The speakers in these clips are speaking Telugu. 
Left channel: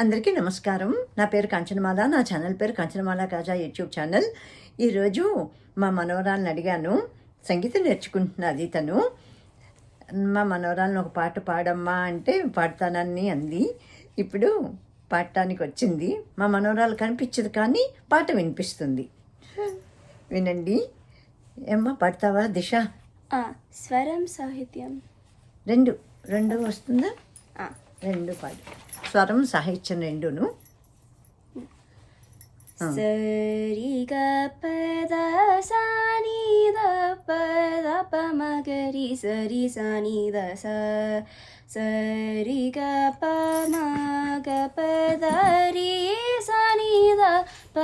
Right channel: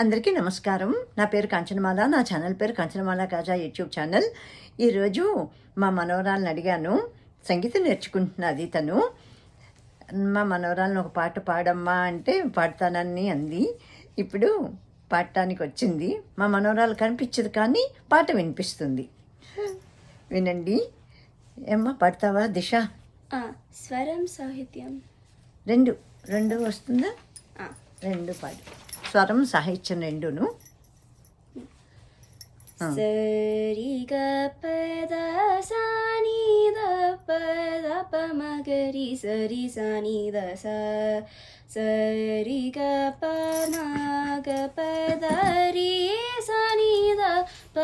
అందరికీ నమస్కారం. నా పేరు కాంచనమాల నా ఛానల్ పేరు కాంచనమాల కాజా యూట్యూబ్ ఛానల్. ఈరోజు మా మనవరాలను అడిగాను సంగీతం నేర్చుకుంటున్నది తను. మా మనవరాలను ఒక పాట పాడమ్మా అంటే పాడతానని అంది. ఇప్పుడు పాడటానికి వచ్చింది. మా మనవరాలు కనిపించదు కానీ పాట వినిపిస్తుంది. వినండి. ఏమ్మా పాడతావా? దిశ. స్వరం సాహిత్యం. రెండు. రెండు వస్తుందా? రెండు పాడు. స్వరం సాహిత్యం రెండును ఆ. సరి గ పద సా ని ద పద ప మ గ రి సరి సా ని ద స సరి గ ప మ గ ప ద రి సా ని ద ప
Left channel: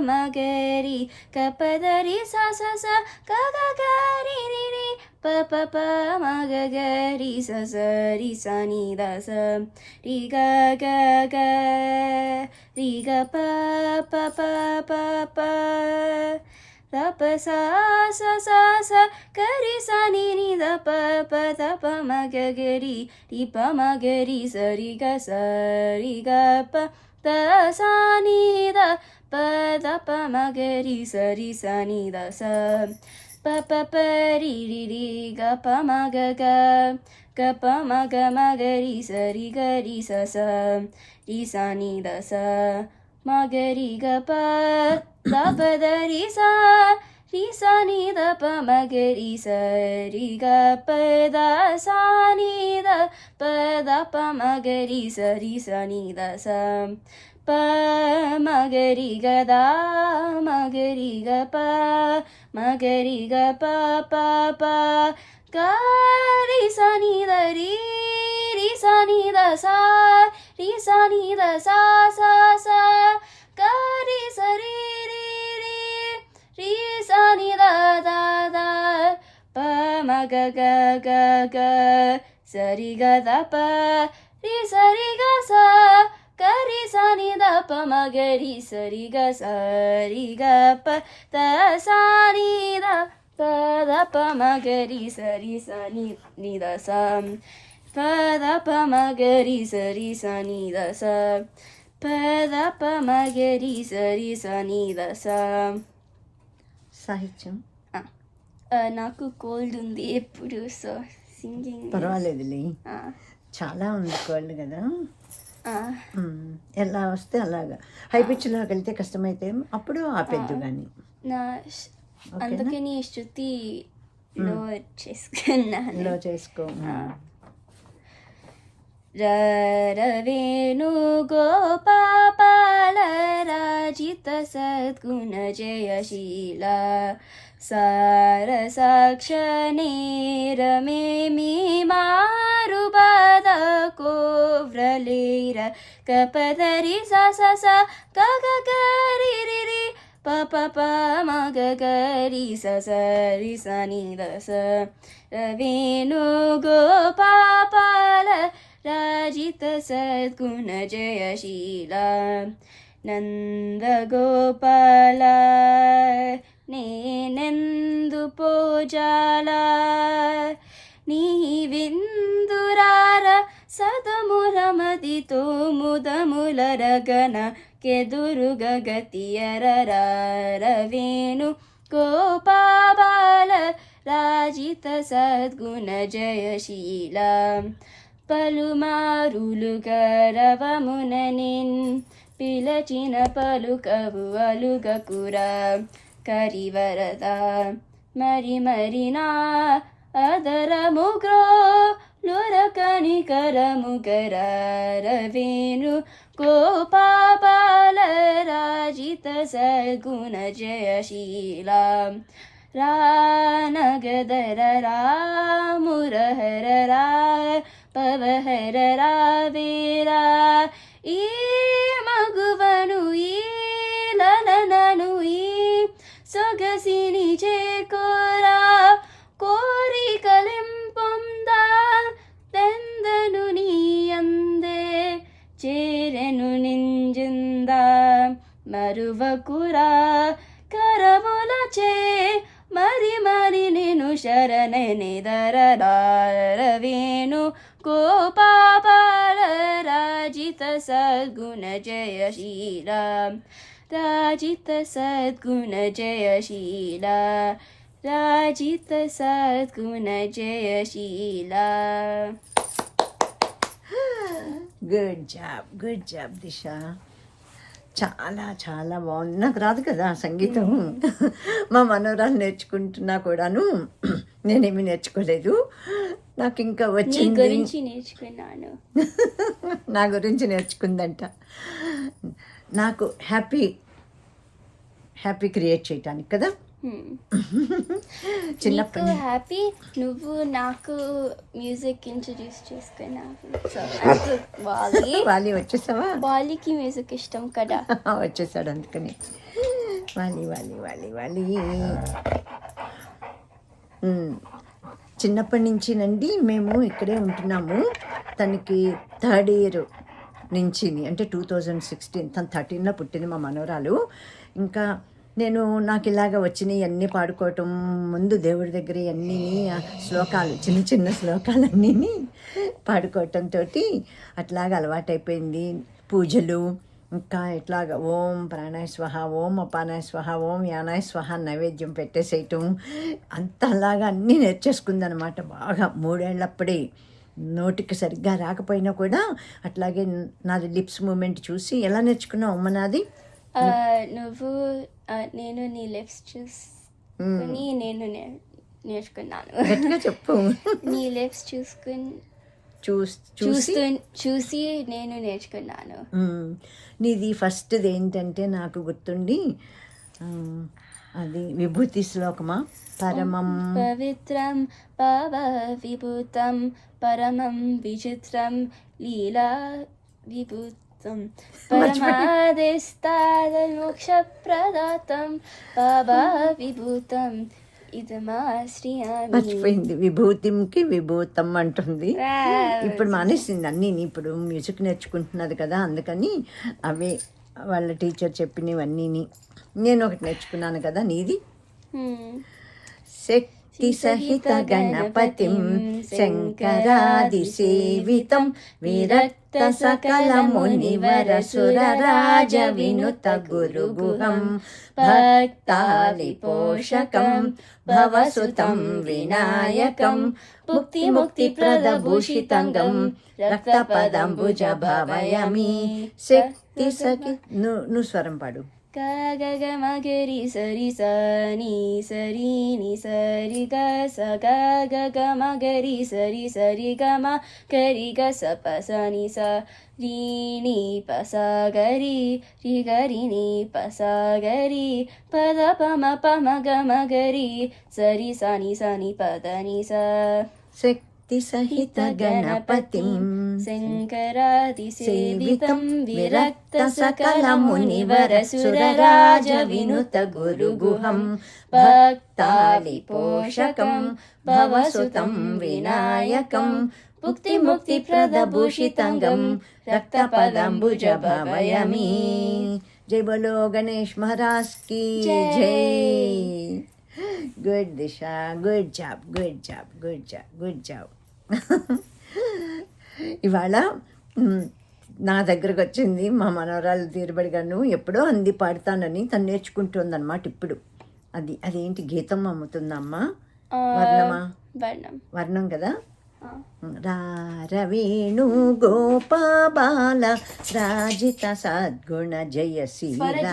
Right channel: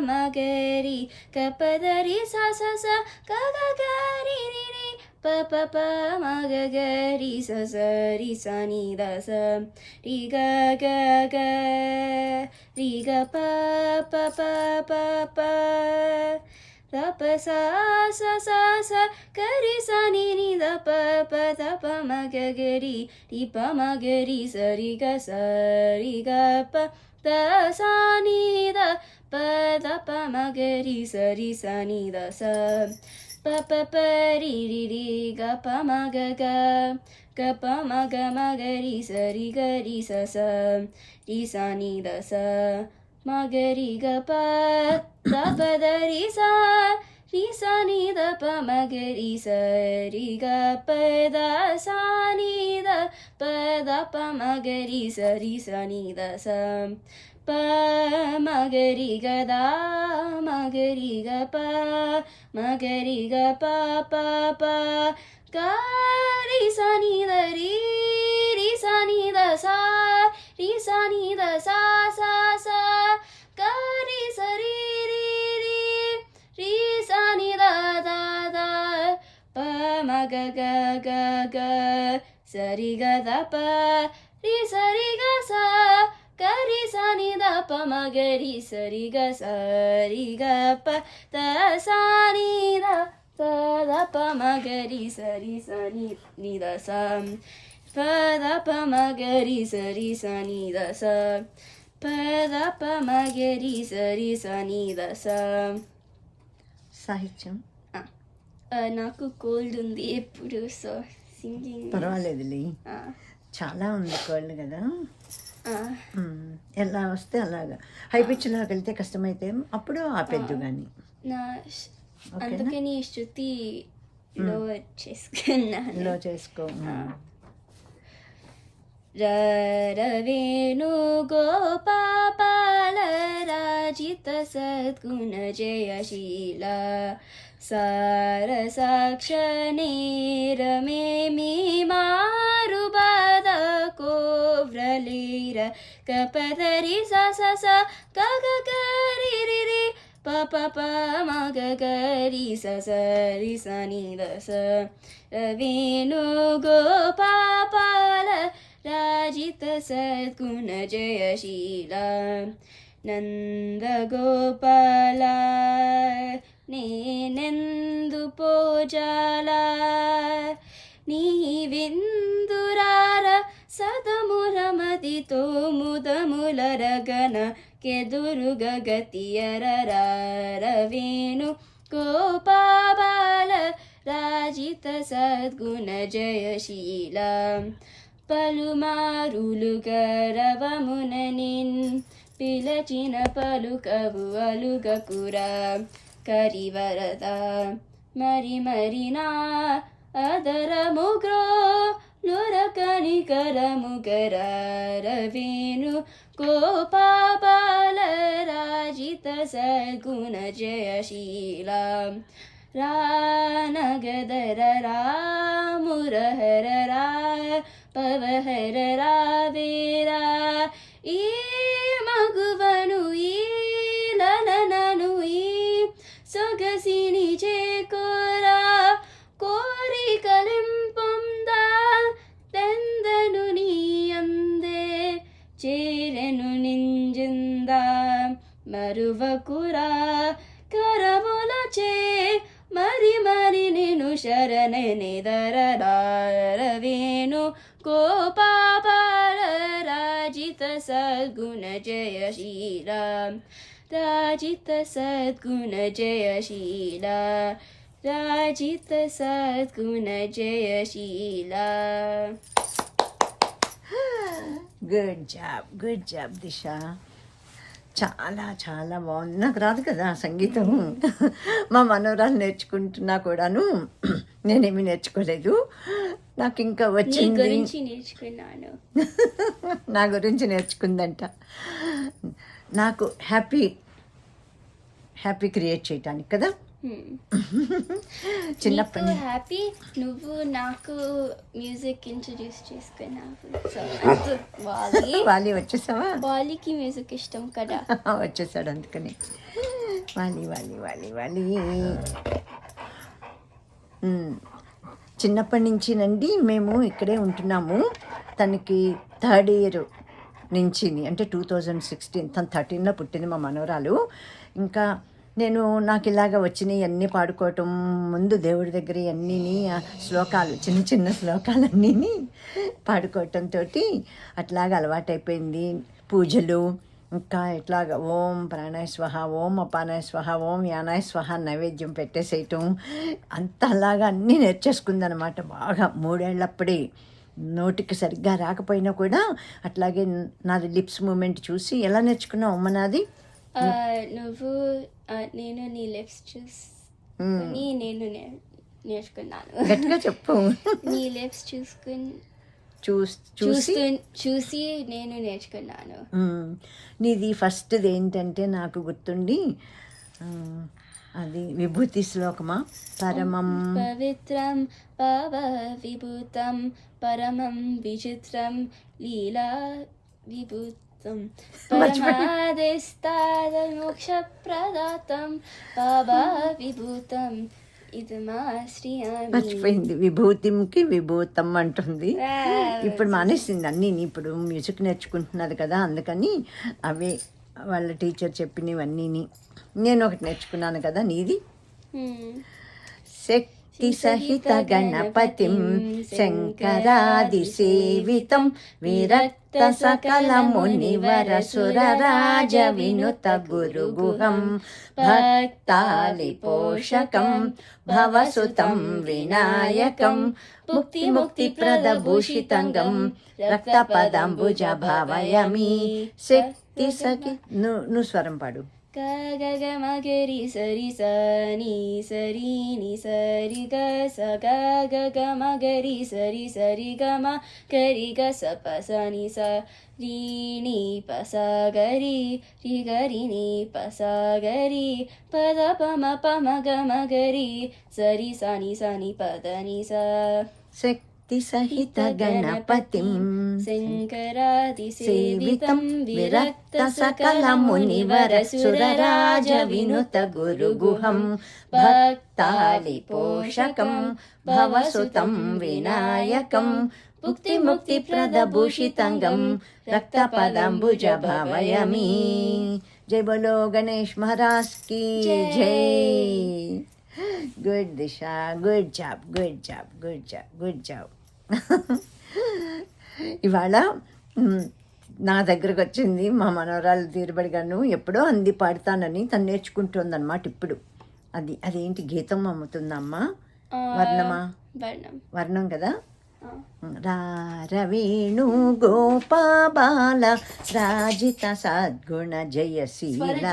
మ గ రి గ ప ద రి స స స గ గ గ రి రి ಪ ಪ ಪ ಮ ಗ ಗ ರಿ ಸ ಸ ರಿ ಸ ನಿ ದ ಸ ರಿ ಗ ಗ ಗ ರಿ ಗ ಪ ಪ ಪ ಪ ಪ ದ ಪ ಸಾ ಸ ಸ ಸ ಕ ರಿ ಸ ನಿ ನಿ ದ ಪ ಪ ದ ಪ ಮ ಗ ಗ ರಿ ರಿ ಪ ಮ ಗ ರಿ ಸ ರಿ ಗ ಸ ರಿ ಗ ಪ ದ ಸ ನಿ ದ ಪ ದ ಪ ಮ ಗ ರಿ ಸ ರಿ ಸ ನಿ ದ ಸ pa pa pa ri ri ri ga pa ma ga ga ga pa ma ga ma ga ri sa ri ga ri sa sa ri sa ni da sa ma ga ri ga pa da pa da ri sa ri sa ni da pa ma ga ri sa ri ga pa da sa ni da pa da pa ma ga ri sa ri sa ni da sa ப மகரிக தா மகரிக ப மகரிக ப ப ப. கரி சனி தரி ரி சனி த சா ரி சனி த சா சா சா. கரி சரி ரி ரி ரி சனி த தா தா. ப மக க க க சரி க த ப. ரி சரி க சா. స ని ద ప మ గ గ గ గ ప రి స రి గ స గ రి స ని ద ప ద ప ద ప మ గ రి స రి స ని ద స ప ద ప మ గ రి స రి స ని ద స ప ద ప మ గ రి స రి స ని ద స సాహిత్యం నాకు కోల్డ్ ఉంది ఎప్పుడు సో సింగింగ్ పర్వాలేదులే చాలా ఉంది కోళ్ళు కదా. ఎలా వస్తే అలాగా. హై పిచ్లోకి వెళ్తే కష్టమైతే అప్పుడు ఆపేద్దు కానీ అందుకని శృతి లో చేసుకున్నాను. లో చేసుకో. రవేణు గోపాల రాజిత సద్గుణ జయశీల సార సాక్ష నేరమేమి కోవ్రలేర కపదరి స స స గ గ గ రి రి రి ప ప ప మ గ గ రి స స రి స ని ద స రవేణు గోపాల రాజిత సద్గుణ జయశీల నంద గోపాల నేనెందు పూజాల నీవిందురార సదమురమదితో ముదములరగన కెదురుగ గతియరరారవేణు కోపాల రాజిత సద్గుణ జయశీల పలుమారులు గరవముననిన్ పిలచిన పలుకవు అలుగకురా కరివరద మరి మరినా అదరముగ్రో ನೊರ ಕನಿಕರ ಮುಗರಾರವೇನು ಗೋಪಾಲರಾಜಿತ ಸಗುಣ ಜಯಶೀಲ ರಾನಗದರ ರಾಮುರಹ కురా కరములచే మరి మరి నేను శరణని ధరవేణు గోపాపాల రాజిత సద్గుణ జయశీల రాజిత సద్గుణ జయశీల రాజిత సద్గుణ Jayasheela good job good job disha చాలా చాలా బాగుంది. నాకు రాదు కదా సంగీతం. మా మనోరాలు నేర్చుకుంటున్నా కూడాను. నేనేమి నేర్చుకోలేదు. నాకు ఇంకా వచ్చింది. నేర్చుకున్నాను. నా గురించి నేర్చుకుందంట. నాకు హ్యాపీ హ్యాపీ క్రియేట్ చేయటానికి కదా? చిన్నప్పటి నుంచి హ్యాపీ నువ్వు నాకు మ్యూజిక్ ఇంట్రడ్యూస్ చేసుకున్నావు వాలి వచ్చేసావా? వాలికి మ్యూజిక్ ఇష్టం కదా. వచ్చేసాడు అందుకని. వాలి వాలి వాలి వాలి చిన్నప్పటి నుంచి నండి మేము ఇక్కడే ఉంటున్నాము. తనకి థర్డ్ ఇయర్ నుంచి అంటే టూ థౌజండ్ సిక్స్టీన్ తను థర్టీన్లో పుట్టింది మా మనవరాలు. ఇంకా నేను నాకు ఇలాగ వచ్చినాయి అన్నీ పాడుకోవటం ముందు దేవుడి దగ్గర అన్నీ శ్లోకాలు చిన్న చిన్న శ్లోకాలన్నీ పాడుకోవటంతో అట్లాగ అలవాటైపోయింది. పూజలు ఇంకా ఇట్లాగ ఓం ప్రాణాయస్వహ ఓం అపానాయ స్వహ ఓం యానాయ స్వహ నైవేద్యం పెట్టేసేయటం అంత అలాగా అన్నీ నేర్చేసుకుందనమాట బాగా. మూడేళ్ళప్పుడే నోటికి సరిగ్గా రాకపోయినా కూడా అట్లాగే నాది లిప్స్ మూమెంట్ చూసి ఎలా నేర్చుకున్నావు అమ్మ నాది? నువ్వు నేను నీ లిప్స్ చూసి నేను నేర్చుకున్నాను. గట్టిగా చెప్పు. నీ లిప్స్ చూసుకుని చూస్ చూసి? నేను నేర్చుకున్నాను. నీది ఫస్ట్ది ఏంటంటే నాకు గుర్తుండి అది విభూతి శ్లోకమా? పరమం. పవిత్రం పవ విభూతం పరమం విచిత్రం లీలా విభూతం ప్రదాతం బాబా విభూతం. మర్చిపోయింది. విభూతింకి విభూతం అంటుంది. ఇప్పుడు మానేసింది అన్నీ ఇప్పుడు మ్యూజిక్ నేర్చుకుంటున్నది కదా అందుకని అవే వాళ్ళ టీచర్ చెప్పినవన్నీని. నేను ఒకటి నేర్చుకున్నాను కదా నీది. Hmm. भक्तिसहितगणपतिं शङ्करादिसेवितं विरक्तसकलमुनिवरसुरराजविनुतगुरुगुहं भक्तालिपोषकं भवसुतं विनायकं मुक्तिमुक्तिप्रदभूषितङ्गं शक्ति शक्तिसखि नु नु स्वरं पाडु। ga ga ga ma ge ri sa ri sa ni sa ri ni sa ri ga sa ga ga ga ma ge ri sa ri ga ma ge ri ga sa pa sa ni sa ri ni pa sa ga ri ri ga ri ni pa sa ga ri pa da pa ma pa ma ga ma ge ri sa ri sa ni sa ni pa da ni sa six भक्तिसहितगणपतिं शङ्करादिसेवितं विरक्तसकलमुनिवरसुरराजविनुतगुरुगुहं भक्तालिपोषकं भवसुतं विनायकं मुक्तिमुक्तिप्रदभूषितङ्गं रक्तपदाम्बुजभवयमी। जय बोलो गणेश महाराज की जय। Good Disha good job good job good job good job ఇవాళ నా దగ్గరకు వచ్చింది మా మనవరాలు తీరుబడిగాను ఎప్పుడో అంది పాడతానని తను నేర్చుకుంటుందన్నమాట ఇప్పుడు. అది అదేంటి గీతం అమ్ముతుందమ్మా? వర్ణమా? వర్ణం. కదా. రారవేణు గోపాబాల రాజిత సద్గుణ జయశీల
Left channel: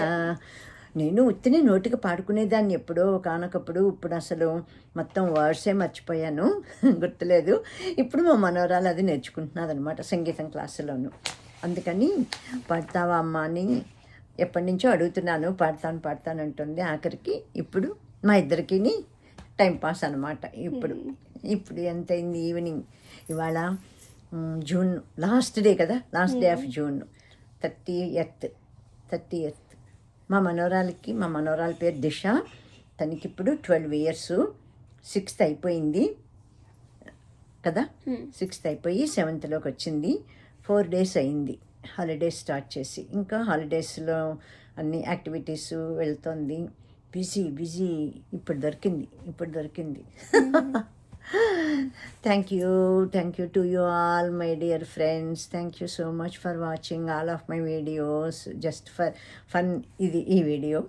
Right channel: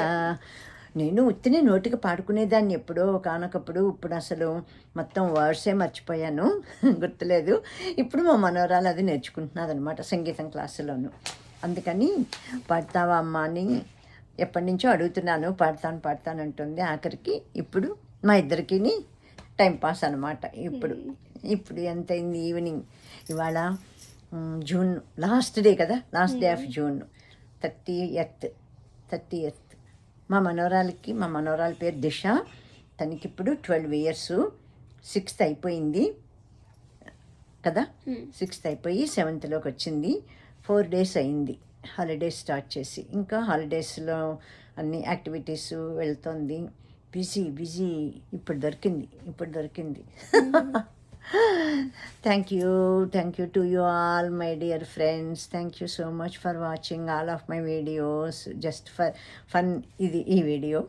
నేను ఉత్తిని నోటికి పాడుకునేదాన్ని ఎప్పుడో కానకప్పుడు ఇప్పుడు అసలు మొత్తం వర్డ్సే మర్చిపోయాను. గుర్తులేదు. ఇప్పుడు మా మనవరాలు అది నేర్చుకుంటున్నది అనమాట సంగీతం క్లాసులోను. అందుకని పాడతావా అమ్మా అని ఎప్పటి నుంచో అడుగుతున్నాను. పాడతాను పాడతాను అంటుంది. ఆఖరికి ఇప్పుడు మా ఇద్దరికి టైం పాస్ అనమాట ఇప్పుడు. ఇప్పుడు ఎంత అయింది ఈవినింగ్? ఇవాళ జూన్ లాస్ట్ డే కదా? Last day of June. Thirtieth thirtieth మా మనవరాలకి మా మనవరాల పేరు దిశ. తనకి ఇప్పుడు ట్వెల్వ్ ఇయర్స్. సిక్స్త్ అయిపోయింది. కదా. సిక్స్త్ అయిపోయి సెవెంత్లోకి వచ్చింది. ఫోర్ డేస్ అయింది. హాలిడేస్ స్టార్ట్ చేసి. ఇంకా హాలిడేస్లో అన్ని యాక్టివిటీస్ వెళ్తుంది. Busy busy. ఇప్పుడు దొరికింది. ఇప్పుడు దొరికింది. thank you thank you to you all my dear friends thank you so much for watching all of my videos just for fun ఇది ఈ వీడియో